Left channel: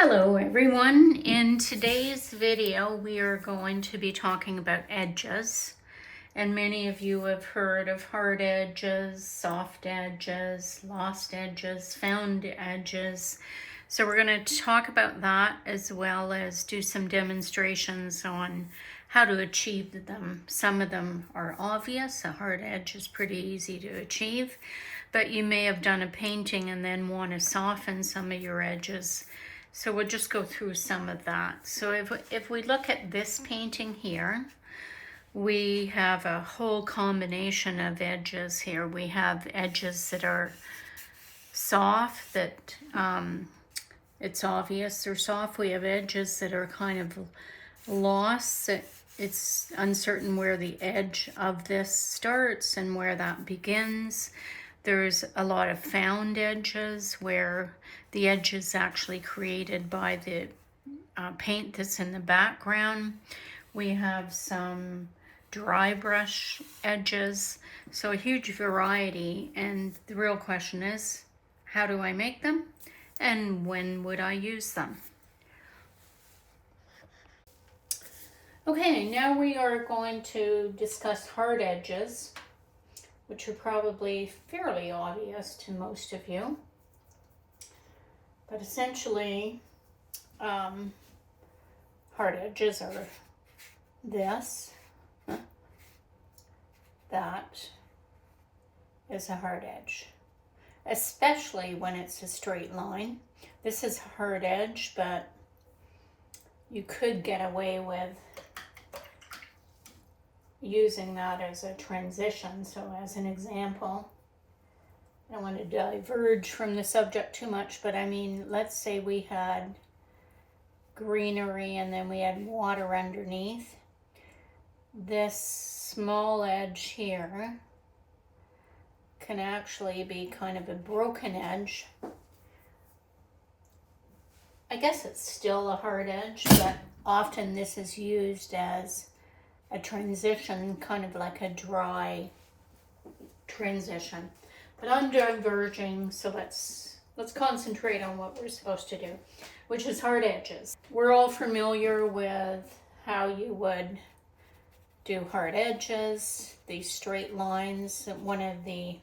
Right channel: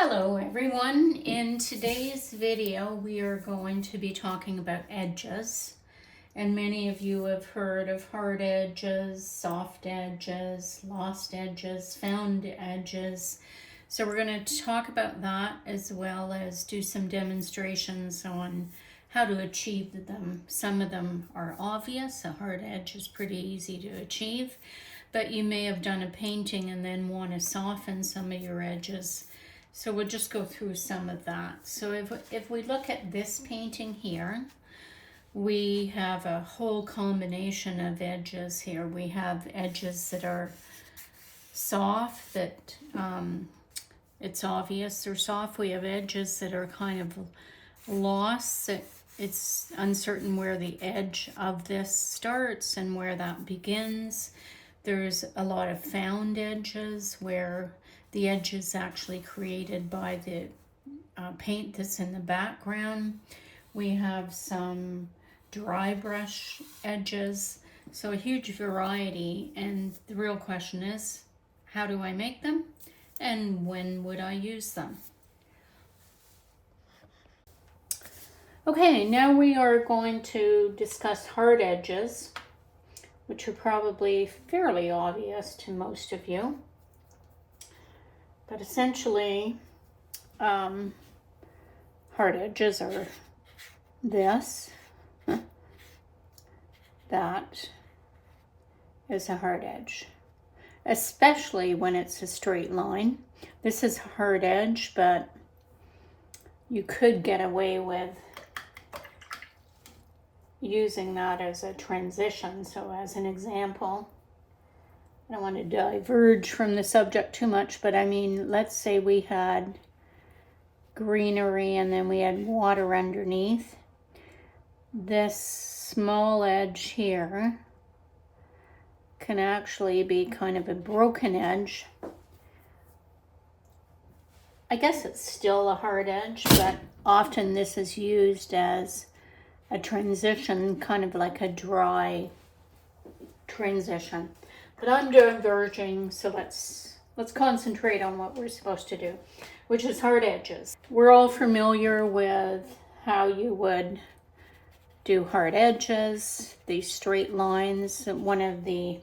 Hello everyone. In today's video we are going to be talking about edges, and many of you have heard of hard edges, soft edges, lost edges, found edges. So we're going to talk about that as well as do some demonstrations on how to achieve them. Some of them are obvious. A hard edge is pretty easy to achieve, but you may have done a painting and then want to soften some of your edges. So we'll just go through some of that. So if we look at this painting here, we have a whole combination of edges here. We have edges that are soft, that it's obvious they're soft. We have edges that are kind of lost, that it's uncertain where the edge of this starts and where that begins. There's a lot of found edges where the edge is actually created by the paint that's in the background. We have some dry brush edges, so a huge variety, and the real question is, how do I make them and when would I use them? Okay, now we are going to discuss hard edges, which are probably fairly obvious to most of you. But essentially, hard edges are this. That is a hard edge, especially when it's a straight line. This is a hard edge, but you could get away with using that as a transition. So as an example, I don't want to diverge from the subject too much, but I mean, let's say we had greenery and then we had water underneath. This small edge here can actually be kind of a broken edge. I guess it's still a hard edge, but often this is used as a transition, kind of like a dry transition. But I'm diverging, so let's concentrate on what we're supposed to do, which is hard edges. We're all familiar with how you would do hard edges, these straight lines. One of the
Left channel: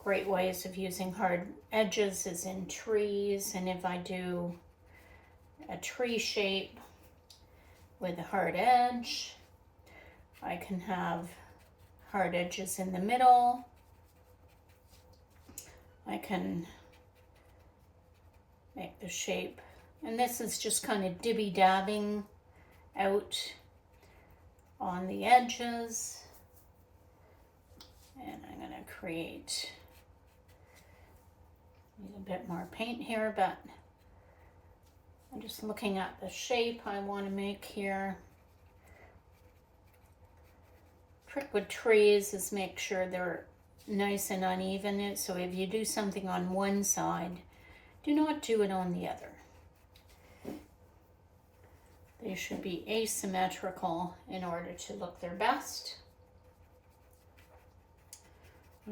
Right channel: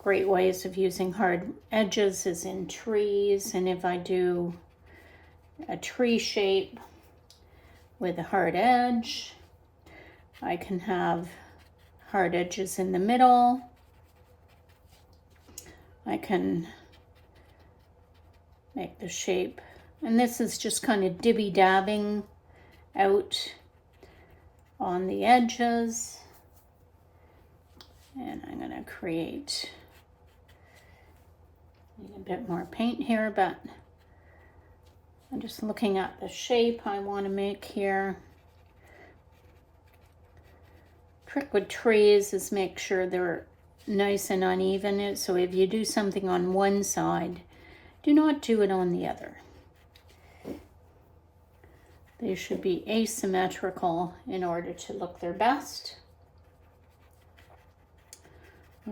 great ways of using hard edges is in trees, and if I do a tree shape with a hard edge, I can have hard edges in the middle. I can make the shape, and this is just kind of dibby-dabbing out on the edges. And I'm going to create a bit more paint here, but I'm just looking at the shape I want to make here. Trick with trees is make sure they're nice and uneven. So if you do something on one side, do not do it on the other. They should be asymmetrical in order to look their best.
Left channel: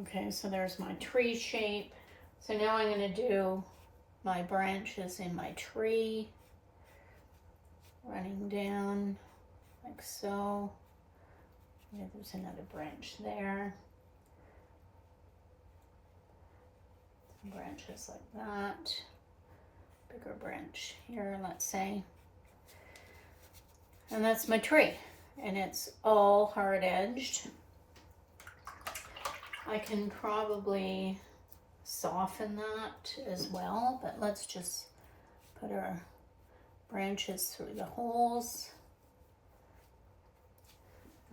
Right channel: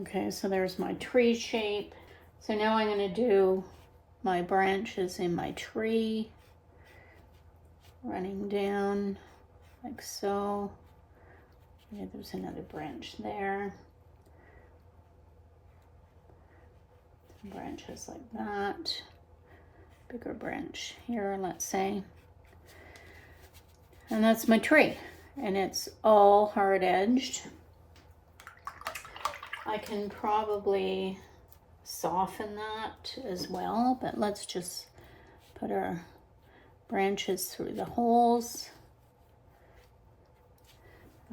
Okay, so there's my tree shape. So now I'm going to do my branches in my tree, running down like so. Yeah, there's another branch there. Branches like that. Bigger branch here, let's say. And that's my tree. And it's all hard edged. I can probably soften that as well, but let's just put our branches through the holes.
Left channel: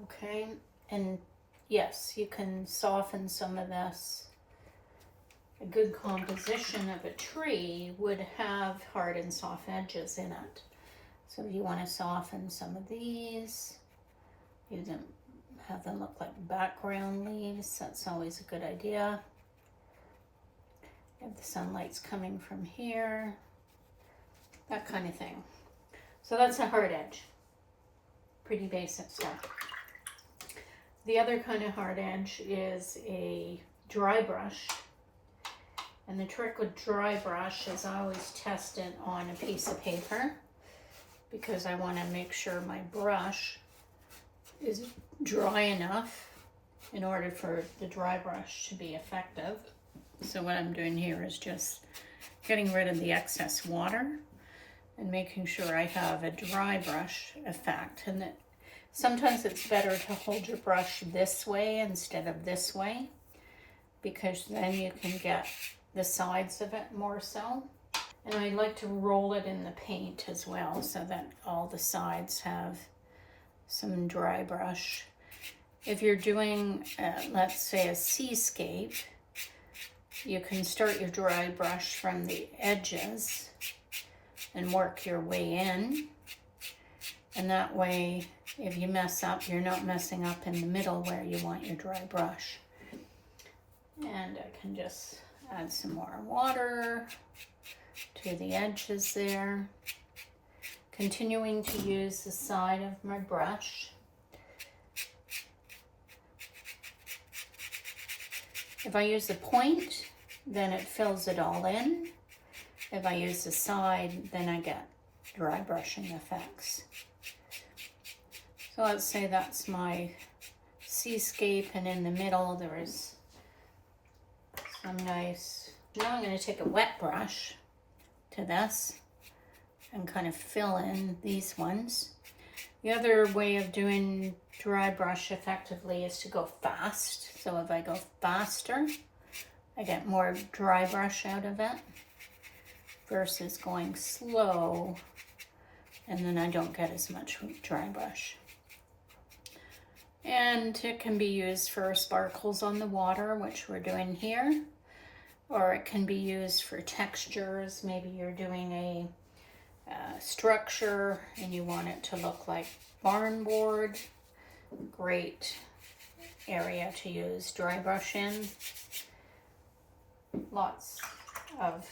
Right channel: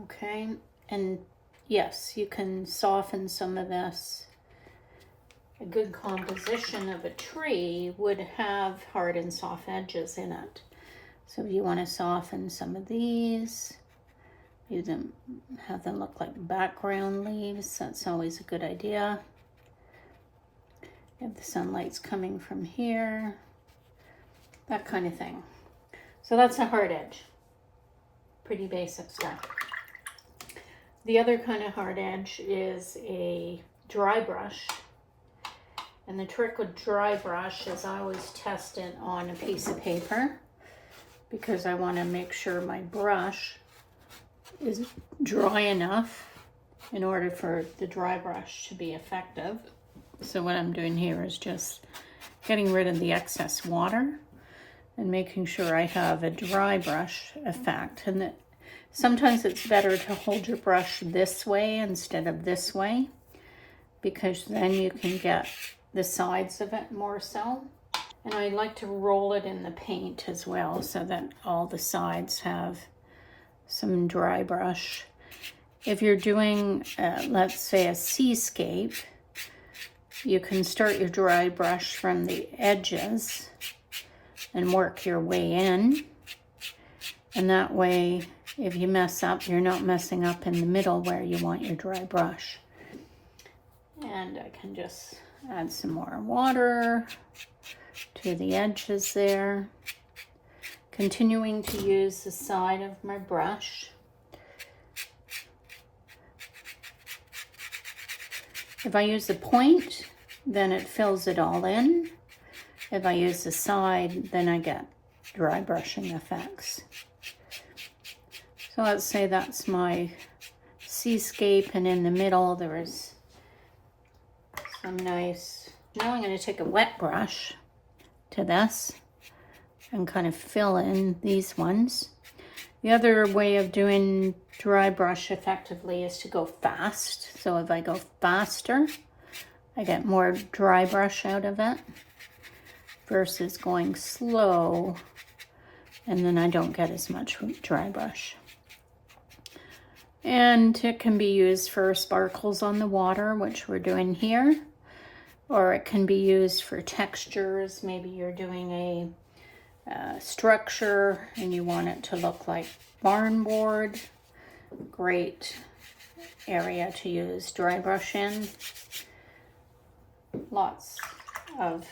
Okay, and yes, you can soften some of this. A good composition of a tree would have hard and soft edges in it. So if you want to soften some of these, have them look like background leaves, that's always a good idea. If the sunlight's coming from here, that kind of thing. So that's a hard edge. Pretty basic stuff. The other kind of hard edge is a dry brush. And the trick with dry brush is I always test it on a piece of paper because I want to make sure my brush is dry enough in order for the dry brush to be effective. So what I'm doing here is just getting rid of the excess water and making sure I have a dry brush effect. And that sometimes it's better to hold your brush this way instead of this way, because then you can get the sides of it more so. And I like to roll it in the paint as well so that all the sides have some dry brush. If you're doing, let's say, a seascape, you can start your dry brush from the edges and work your way in. And that way, if you mess up, you're not messing up in the middle where you want your dry brush. And I can just add some more water to the edges there. Continuing to use the side of my brush. If I use the point, then it fills it all in. If I use the side, then I get dry brushing effects. So let's say that's my seascape, and in the middle there is some nice... Now I'm going to take a wet brush to this and kind of fill in these ones. The other way of doing dry brush effectively is to go fast. So if I go faster, I get more dry brush out of it versus going slow, and then I don't get as much dry brush. And it can be used for sparkles on the water, which we're doing here, or it can be used for textures. Maybe you're doing a structure and you want it to look like barn board. Great area to use dry brush in. Lots of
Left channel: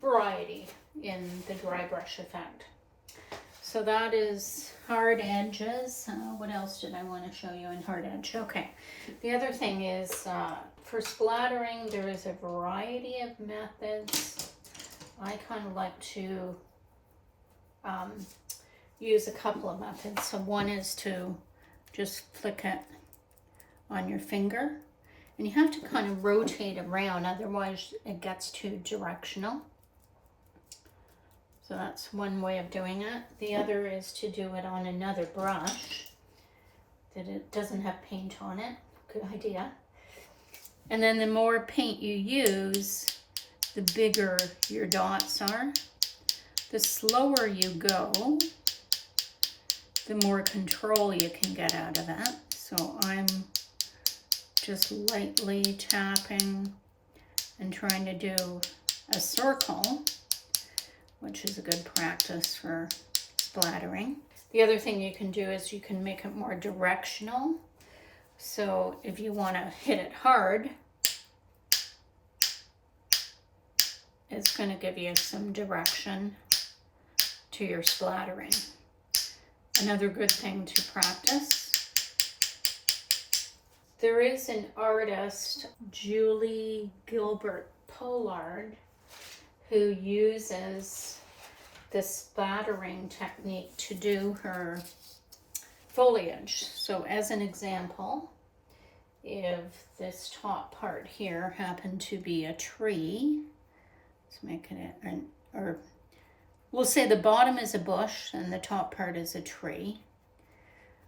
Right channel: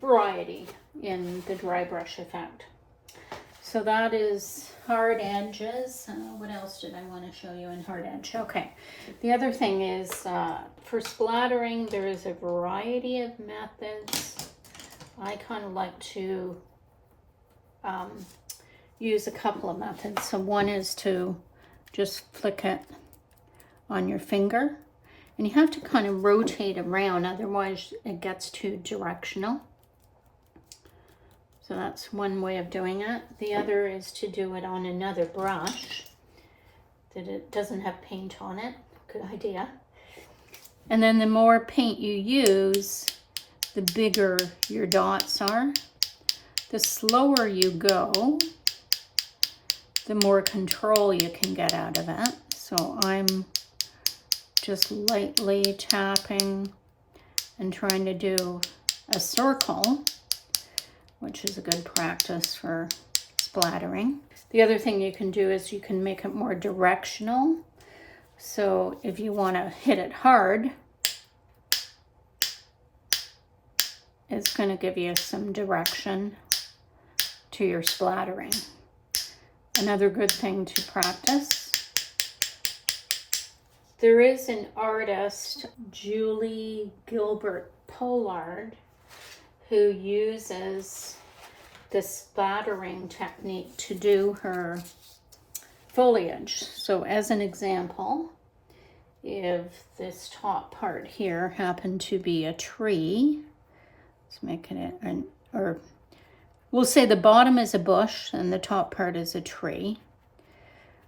variety in the dry brush effect. So that is hard edges. What else did I want to show you in hard edge? Okay, the other thing is for splattering, there is a variety of methods. I kind of like to use a couple of methods. So one is to just flick it on your finger, and you have to kind of rotate around, otherwise it gets too directional. So that's one way of doing it. The other is to do it on another brush that it doesn't have paint on it. Good idea. And then the more paint you use, the bigger your dots are. The slower you go, the more control you can get out of it. So I'm just lightly tapping and trying to do a circle, which is a good practice for splattering. The other thing you can do is you can make it more directional. So if you want to hit it hard, it's going to give you some direction to your splattering. Another good thing to practice. There is an artist, Julie Gilbert Pollard, who uses the splattering technique to do her foliage. So as an example, if this top part here happened to be a tree, let's make it, or we'll say the bottom is a bush and the top part is a tree.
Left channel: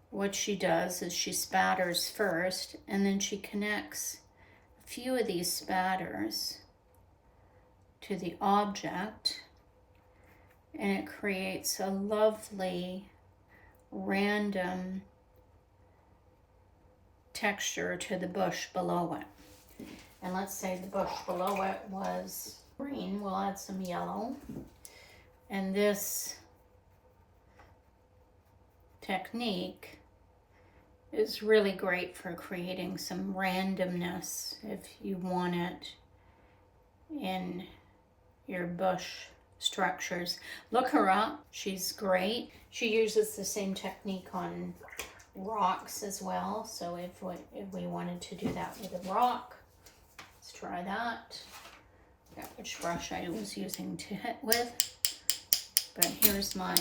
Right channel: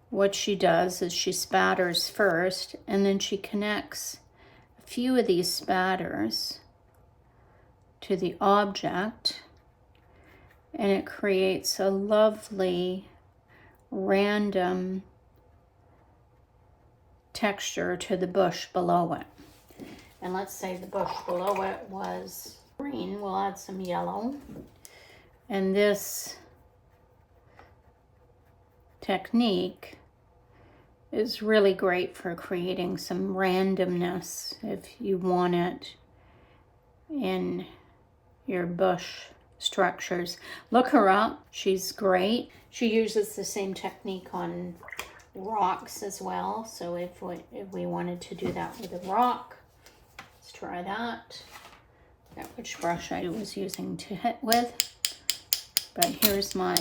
What she does is she spatters first, and then she connects a few of these spatters to the object, and it creates a lovely random texture to the bush below it. And let's say the bush below it was green, we'll add some yellow. And this technique is really great for creating some randomness if you want it in your bush structures. Look her up, she's great. She uses the same technique on rocks as well. So if we wanted to do that with a rock, let's try that. Forget which brush I was using to hit with. But here's my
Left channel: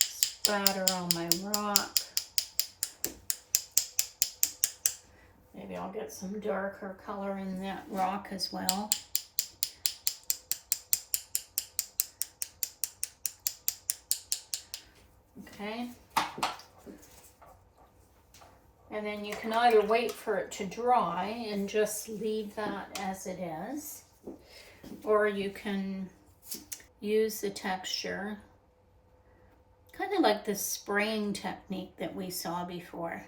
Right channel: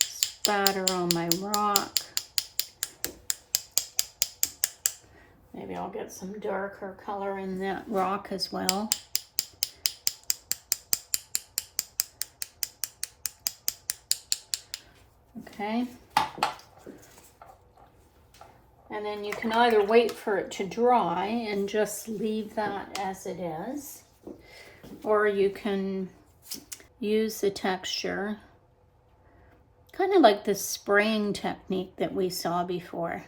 spatter on my rock. Maybe I'll get some darker color in that rock as well. Okay. And then you can either wait for it to dry and just leave that as it is, or you can use the texture, kind of like the spraying technique that we saw before.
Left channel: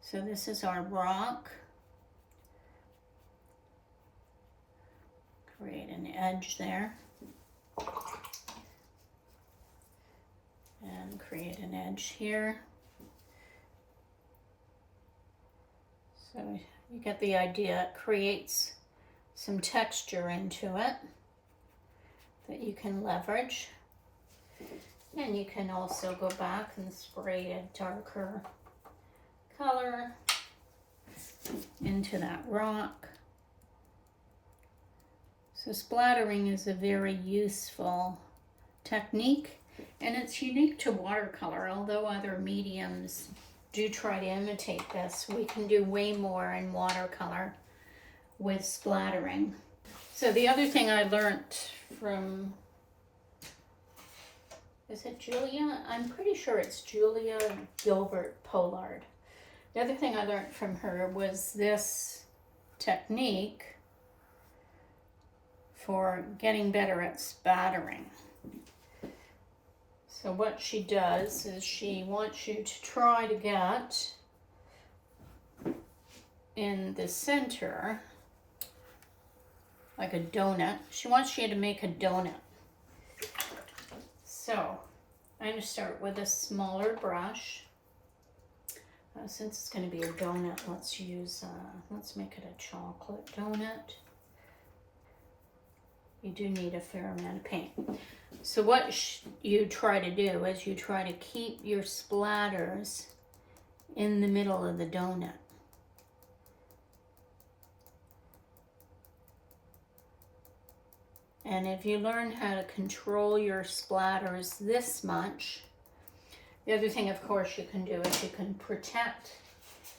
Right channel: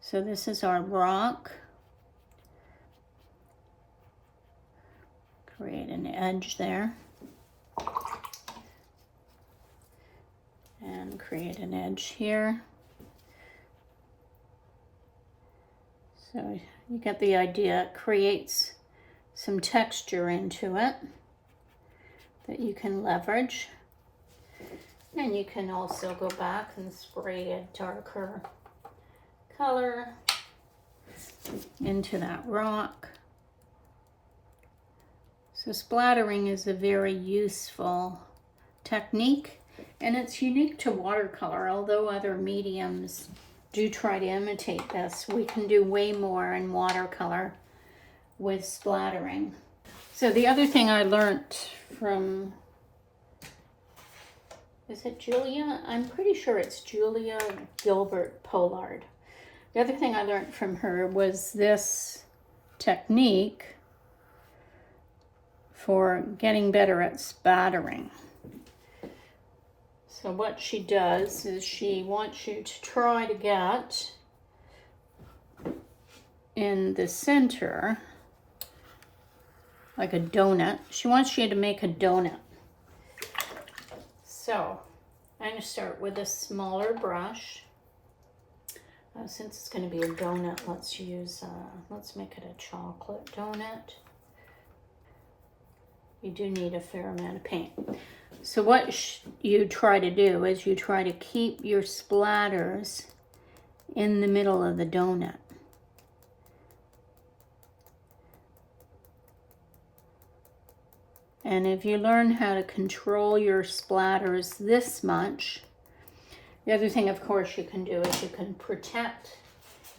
So this is our rock. Create an edge there. And create an edge here. So you get the idea. It creates some texture into it that you can leverage. And you can also go back and spray a darker color into that rock. So splattering is a very useful technique, and it's unique to watercolor. Although other mediums do try to imitate this, we can do way more in watercolor with splattering. So the other thing I learned from, is it Julia? I'm pretty sure it's Julia Gilbert Pollard. The other thing I learned from her was this technique for getting better at spattering. So what she does is she wants you to try to get in the center like a donut. She wants you to make a donut. So I'm going to start with a smaller brush. Since it's going to be a donut, let's make it a chocolate donut. You do need a fair amount of paint. So what you try to do is you try to keep your splatters in the middle of the donut. And if you learn how to control your splatters this much, the other thing, of course, you can do is you can protect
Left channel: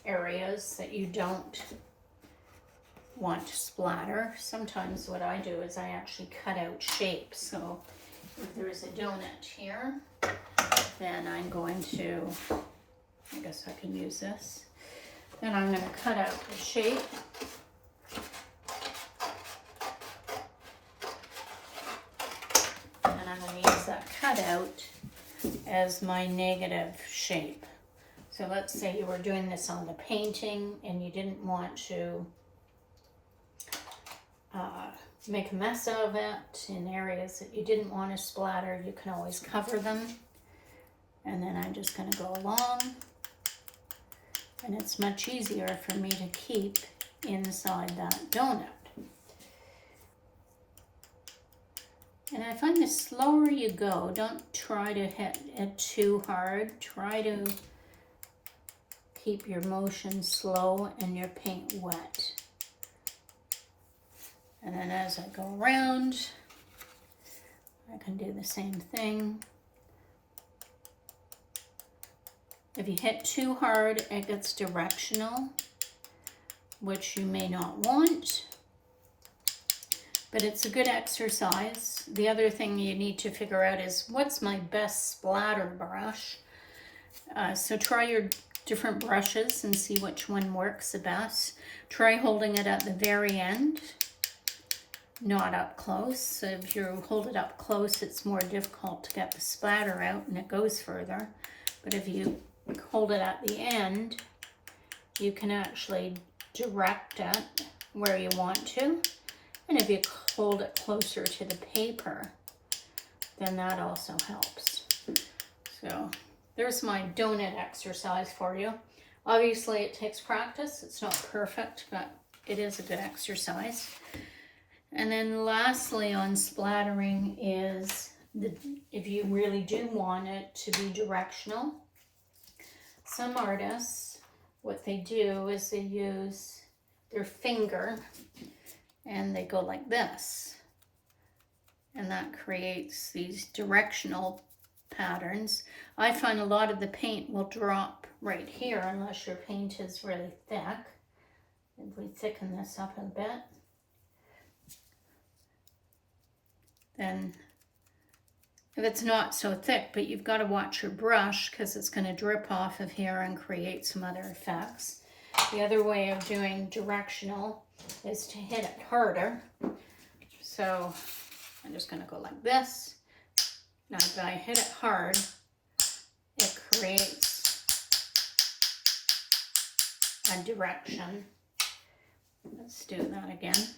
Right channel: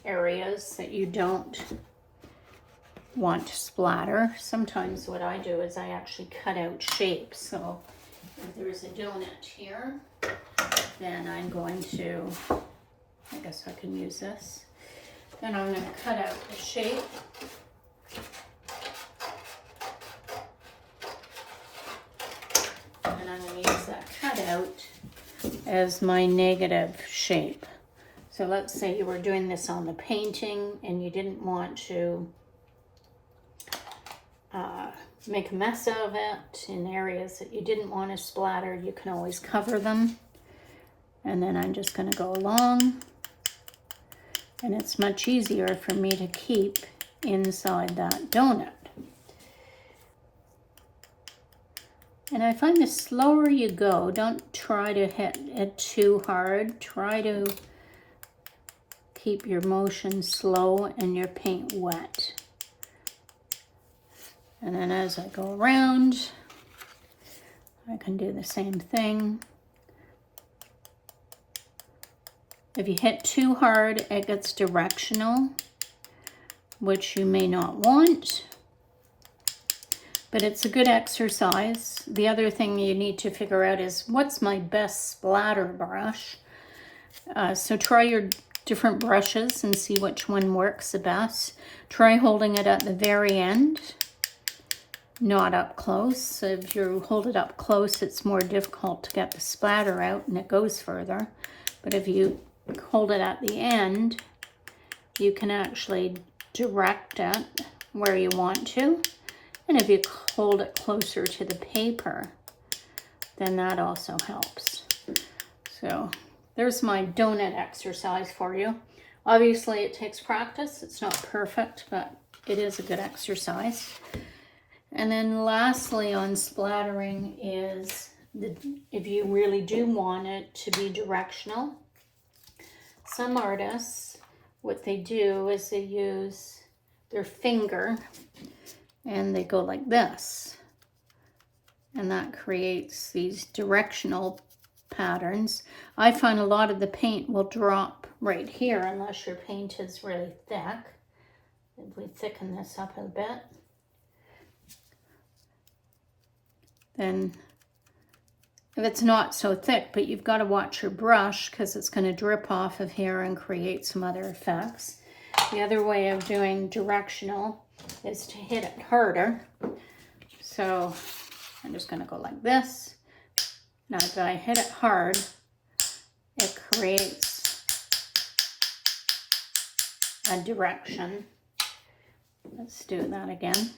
areas that you don't want to splatter. Sometimes what I do is I actually cut out shapes. So if there's a donut here, then I'm going to, I guess I can use this. Then I'm going to cut out the shape. And I'm going to use that cutout as my negative shape. So let's say you were doing this on the painting and you didn't want to make a mess of it in areas that you didn't want to splatter. You can always cover them. And then I'm just going to go along, and it's much easier for me to keep inside that donut. And I find the slower you go, don't try to hit it too hard. Try to keep your motion slow and your paint wet. And then as I go around, I can do the same thing. If you hit too hard, it gets directional, which you may not want. But it's a good exercise. The other thing you need to figure out is what's my best splatter brush. So try your different brushes and see which one works the best. Try holding it at the very end, not up close. So if you hold it up close, it's more difficult to get the splatter out and it goes further. But if you hold it at the end, you can actually direct it where you want to. And if you hold it closer to the paper, then that also helps. So there's my donut exercise for you. Obviously it takes practice. It's not perfect, but it is a good exercise. And then lastly on splattering is if you really do want it to be directional. Some artists, what they do is they use their finger and they go like this. And that creates these directional patterns. I find a lot of the paint will drop right here unless your paint is really thick. If we thicken this up a bit, then if it's not so thick, but you've got to watch your brush because it's going to drip off of here and create some other effects. The other way of doing directional is to hit it harder. So I'm just going to go like this. Now if I hit it hard, it creates a direction. Let's do that again.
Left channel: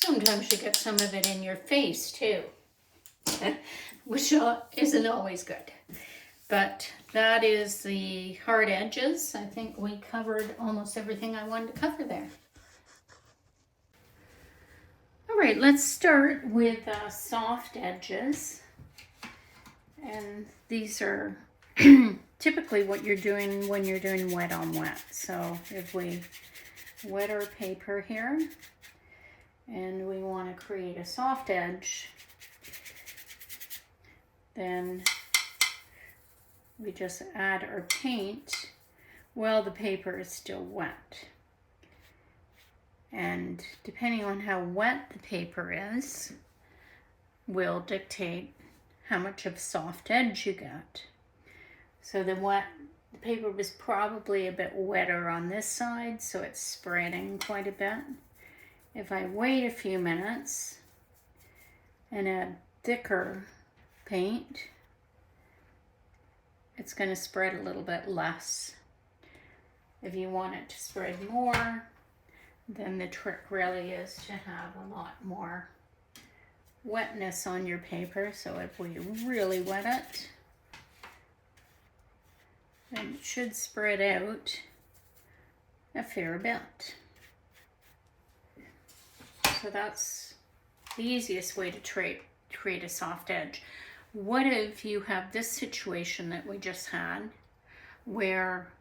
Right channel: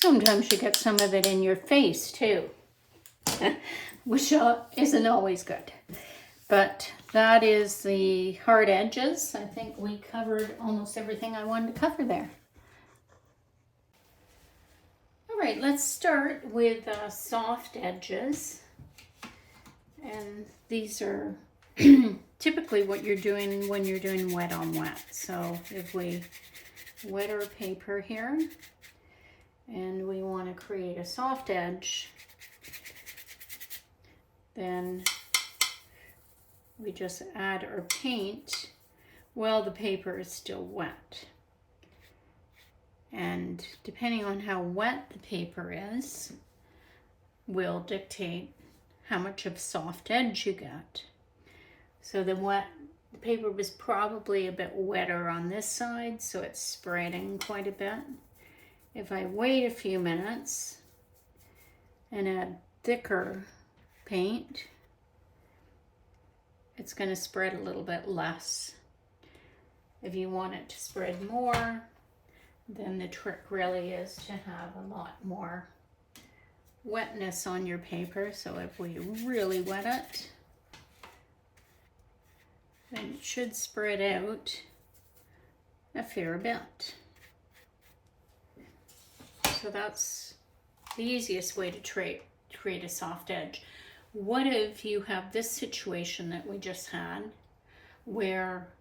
Sometimes you get some of it in your face too, which isn't always good. But that is the hard edges. I think we covered almost everything I wanted to cover there. All right, let's start with soft edges. And these are typically what you're doing when you're doing wet on wet. So if we wet our paper here and we want to create a soft edge, then we just add our paint while the paper is still wet. And depending on how wet the paper is, will dictate how much of soft edge you get. So the paper was probably a bit wetter on this side, so it's spreading quite a bit. If I wait a few minutes and add thicker paint, it's going to spread a little bit less. If you want it to spread more, then the trick really is to have a lot more wetness on your paper. So if we really wet it, then it should spread out a fair bit. So that's the easiest way to create a soft edge. What if you have this situation that we just had where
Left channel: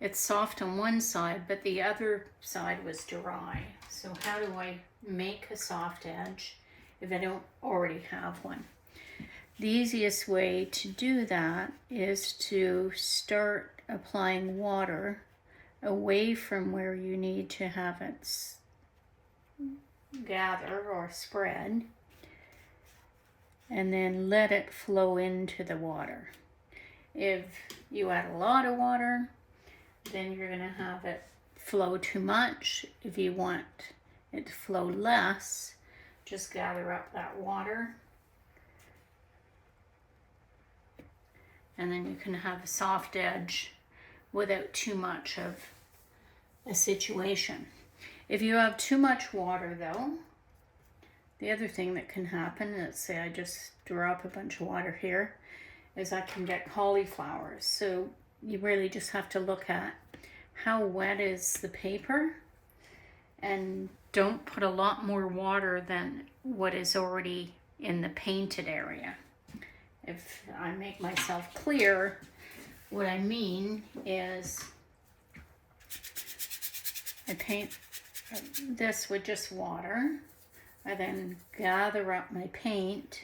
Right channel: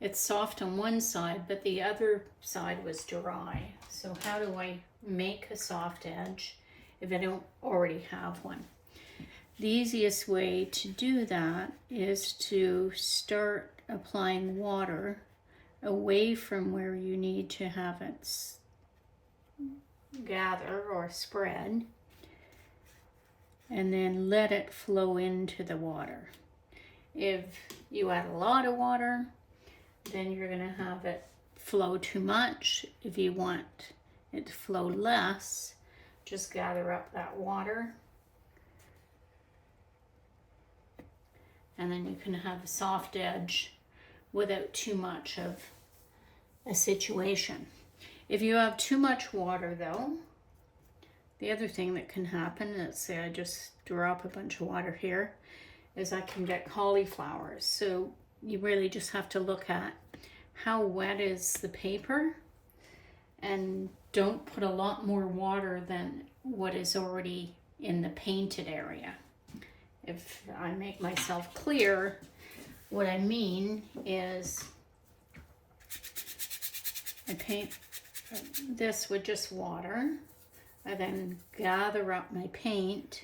it's soft on one side but the other side was dry? So how do I make a soft edge if I don't already have one? The easiest way to do that is to start applying water away from where you need to have it gather or spread, and then let it flow into the water. If you add a lot of water, then you're going to have it flow too much. If you want it to flow less, just gather up that water, and then you can have a soft edge without too much of a situation. If you have too much water though, the other thing that can happen, let's say I just drop a bunch of water here, is I can get cauliflowers. So you really just have to look at how wet is the paper, and don't put a lot more water than what is already in the painted area. If I make myself clear, what I mean is I paint this with just water. I then gather up my paint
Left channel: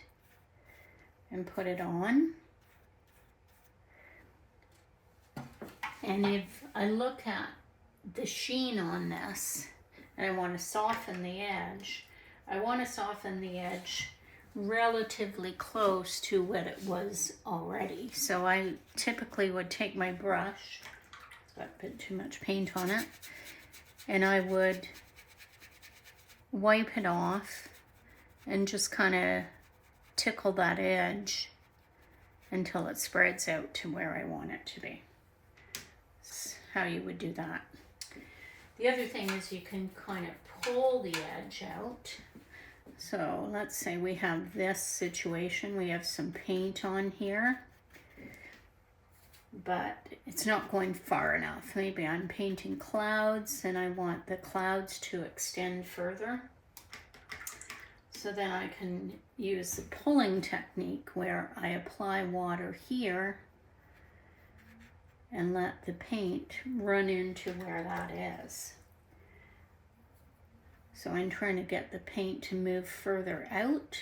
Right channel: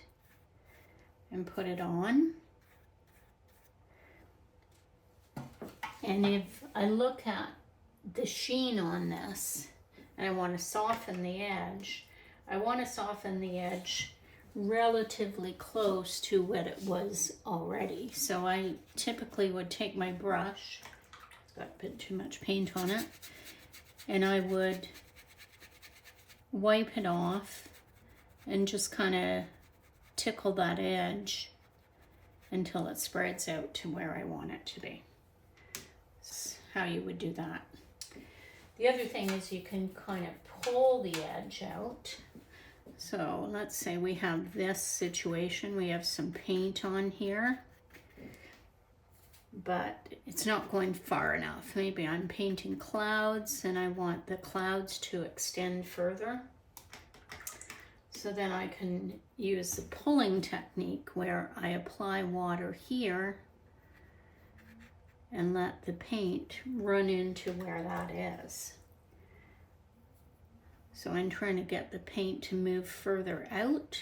and put it on. And if I look at the sheen on this and I want to soften the edge, I want to soften the edge relatively close to what it was already. So I typically would take my brush, it's got a bit too much paint on it, and I would wipe it off and just kind of tickle that edge until it spreads out to where I want it to be. That's how you would do that. The other thing is you can kind of pull the edge out. So let's say we have this situation, we have some paint on here, but it's not going far enough. Maybe I'm painting clouds and I want the clouds to extend further. So then I can use the pulling technique where I apply water here and let the paint run into where that is. So I'm trying to get the paint to move further out.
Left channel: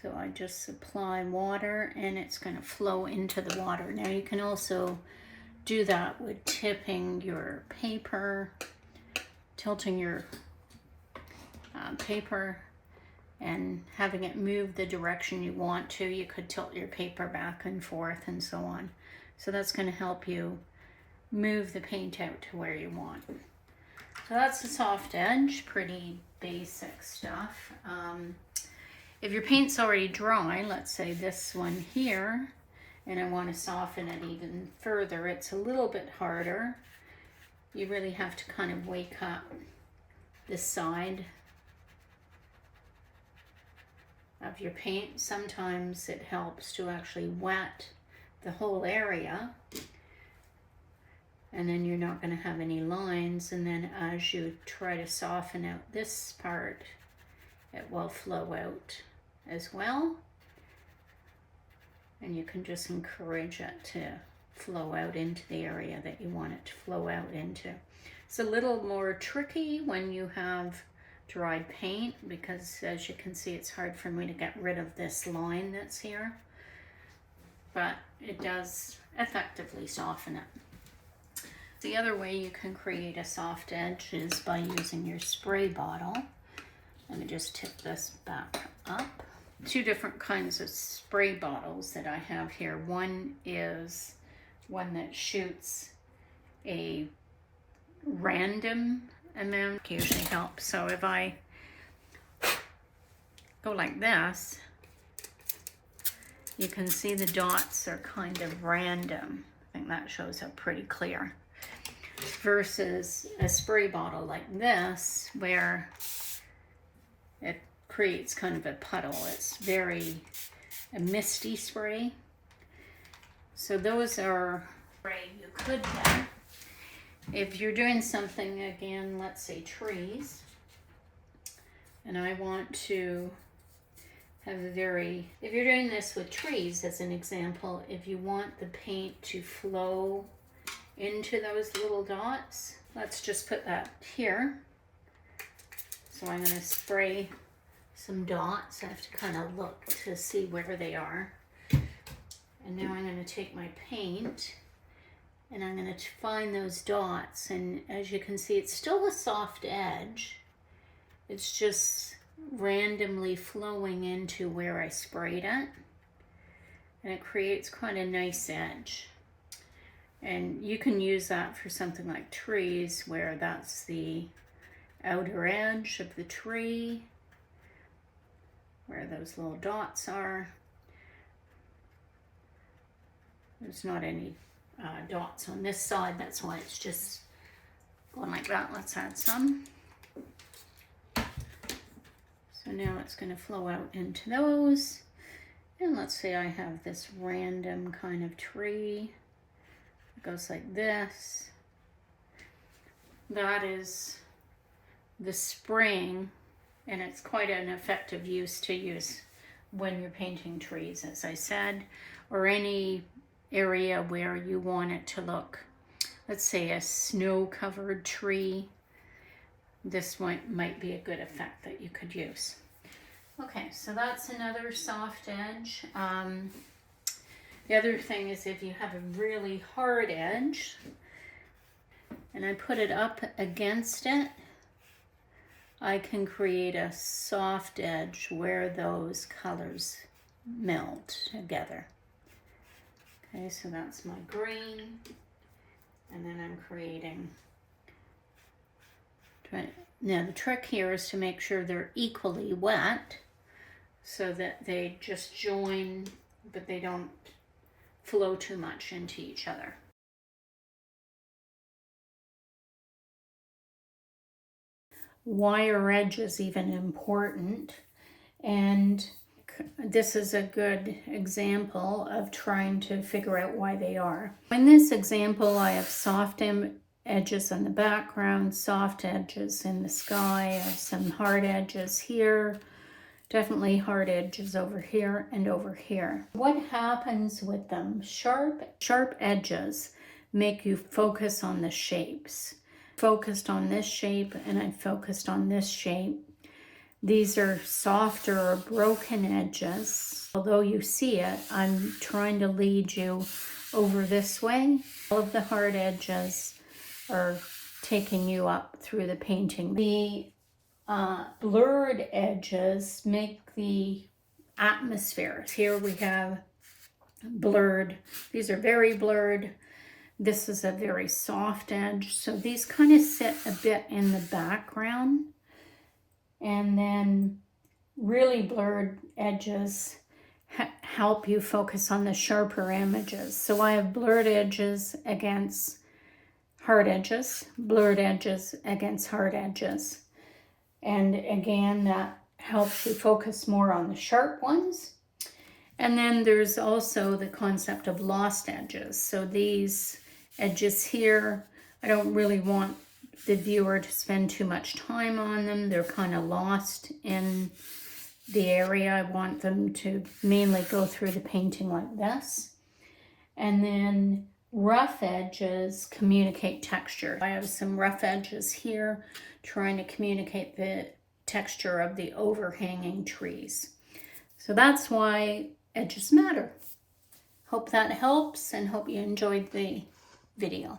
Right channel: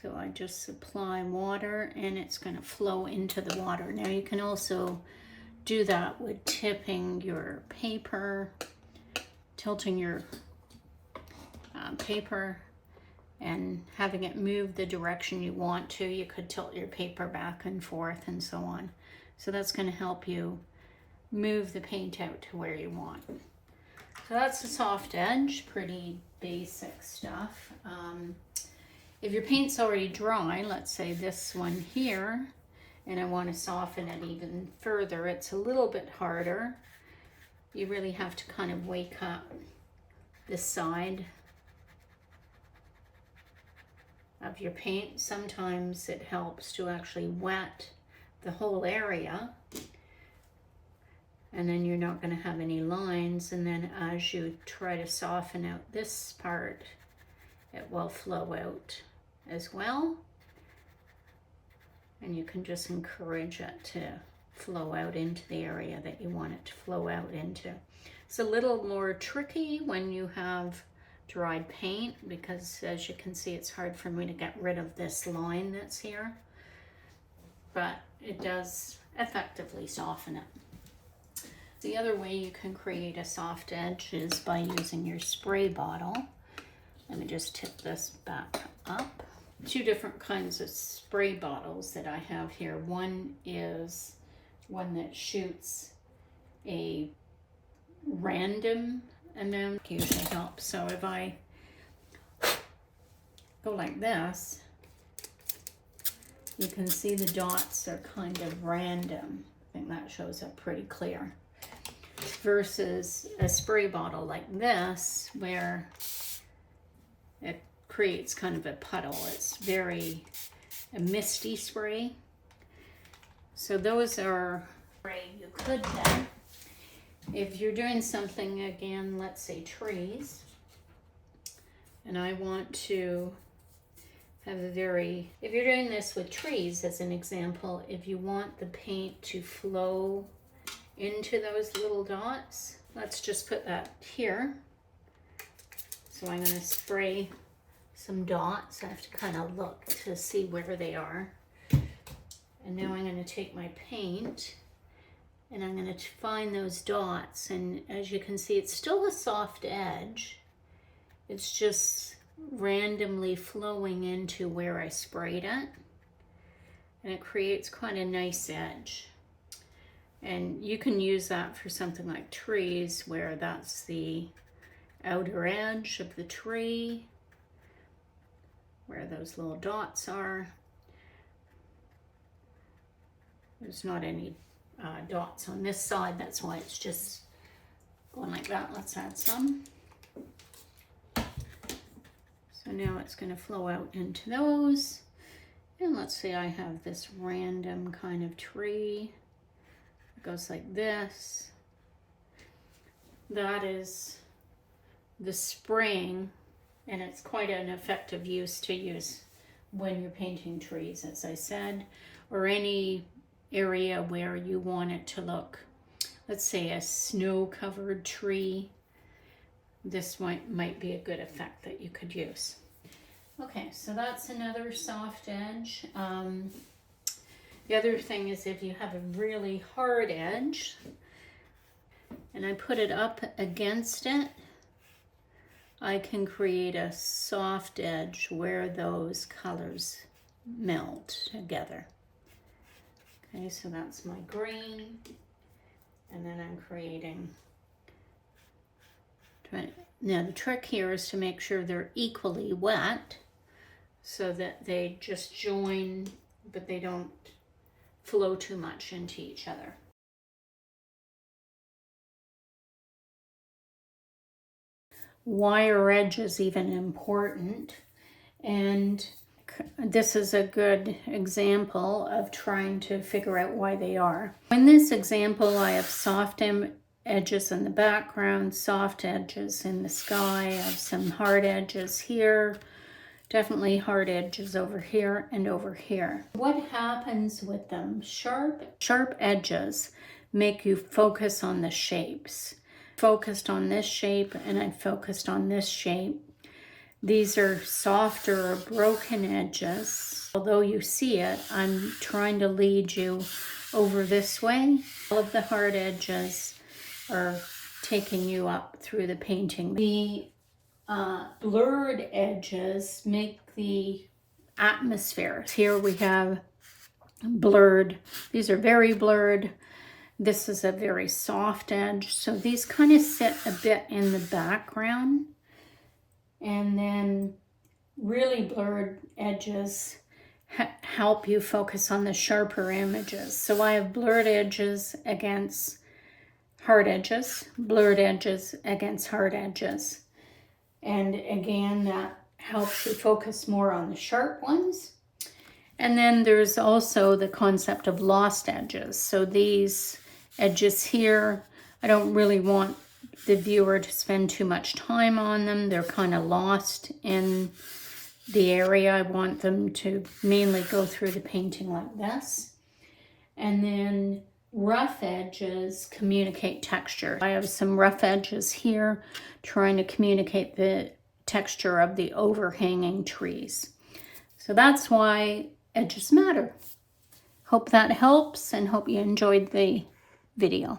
So I just apply water and it's going to flow into the water. Now you can also do that with tipping your paper, tilting your paper and having it move the direction you want to. You could tilt your paper back and forth and so on. So that's going to help you move the paint out to where you want. So that's the soft edge, pretty basic stuff. If your paint's already dry, let's say this one here, and I want to soften it even further, it's a little bit harder. You really have to kind of wake up the side of your paint. Sometimes it helps to actually wet the whole area, and then you're not going to have any lines, and then as you try to soften out this part, it will flow out as well. And you can just encourage it to flow out into the area that you want it to flow out into. It's a little more tricky when you have dried paint, because as you can see, it's hard for me to get rid of this line that's here, but it does effectively soften it. The other way you can create a soft edge is by using your spray bottle. Let me just tip this back up. Two different kinds of spray bottles that I have here. One is one that shoots a random amount, usually helps. So if I go like this, you can see the dots are kind of random. I think that shows up pretty clear. Versus a spray bottle like this, where it creates kind of a puddle. It's very a misty spray. So those are spray you could get. If you're doing something, again, let's say trees, and I want to have a very, if you're doing this with trees as an example, if you want the paint to flow into those little dots, let's just put that here. So I'm going to spray some dots. I have to kind of look to see where they are. And now I'm going to take my paint and I'm going to find those dots. And as you can see, it's still a soft edge. It's just randomly flowing into where I sprayed it. And it creates quite a nice edge. And you can use that for something like trees, where that's the outer edge of the tree, where those little dots are. There's not any dots on this side, that's why it's just going like that. Let's add some. So now it's going to flow out into those. And let's say I have this random kind of tree. It goes like this. That is the spraying, and it's quite an effective use to use when you're painting trees, as I said, or any area where you want it to look, let's say a snow-covered tree. This might be a good effect that you could use. Okay, so that's another soft edge. The other thing is, if you have a really hard edge and I put it up against it, I can create a soft edge where those colors melt together. Okay, so that's my green, and then I'm creating. Now the trick here is to make sure they're equally wet so that they just join, but they don't flow too much into each other. Why are edges even important? And this is a good example of trying to figure out why they are. In this example, I have soft edges in the background, soft edges in the sky. I have some hard edges here, definitely hard edges over here and over here. What happens with them? Sharp edges make you focus on the shapes. focused on this shape and I focused on this shape. These are softer or broken edges. Although you see it, I'm trying to lead you over this way. All of the hard edges are taking you up through the painting. The blurred edges make the atmosphere. Here we have blurred. These are very blurred. This is a very soft edge. So these kind of sit a bit in the background. And then really blurred edges help you focus on the sharper images. So I have blurred edges against hard edges, blurred edges against hard edges. And again, that helps you focus more on the sharp ones. And then there's also the concept of lost edges. So these edges here, I don't really want the viewer to spend too much time on them. They're kind of lost in the area. I want them to mainly go through the painting like this. And then rough edges communicate texture. I have some rough edges here trying to communicate the texture of the overhanging trees. So that's why edges matter. Hope that helps and hope you enjoyed the video.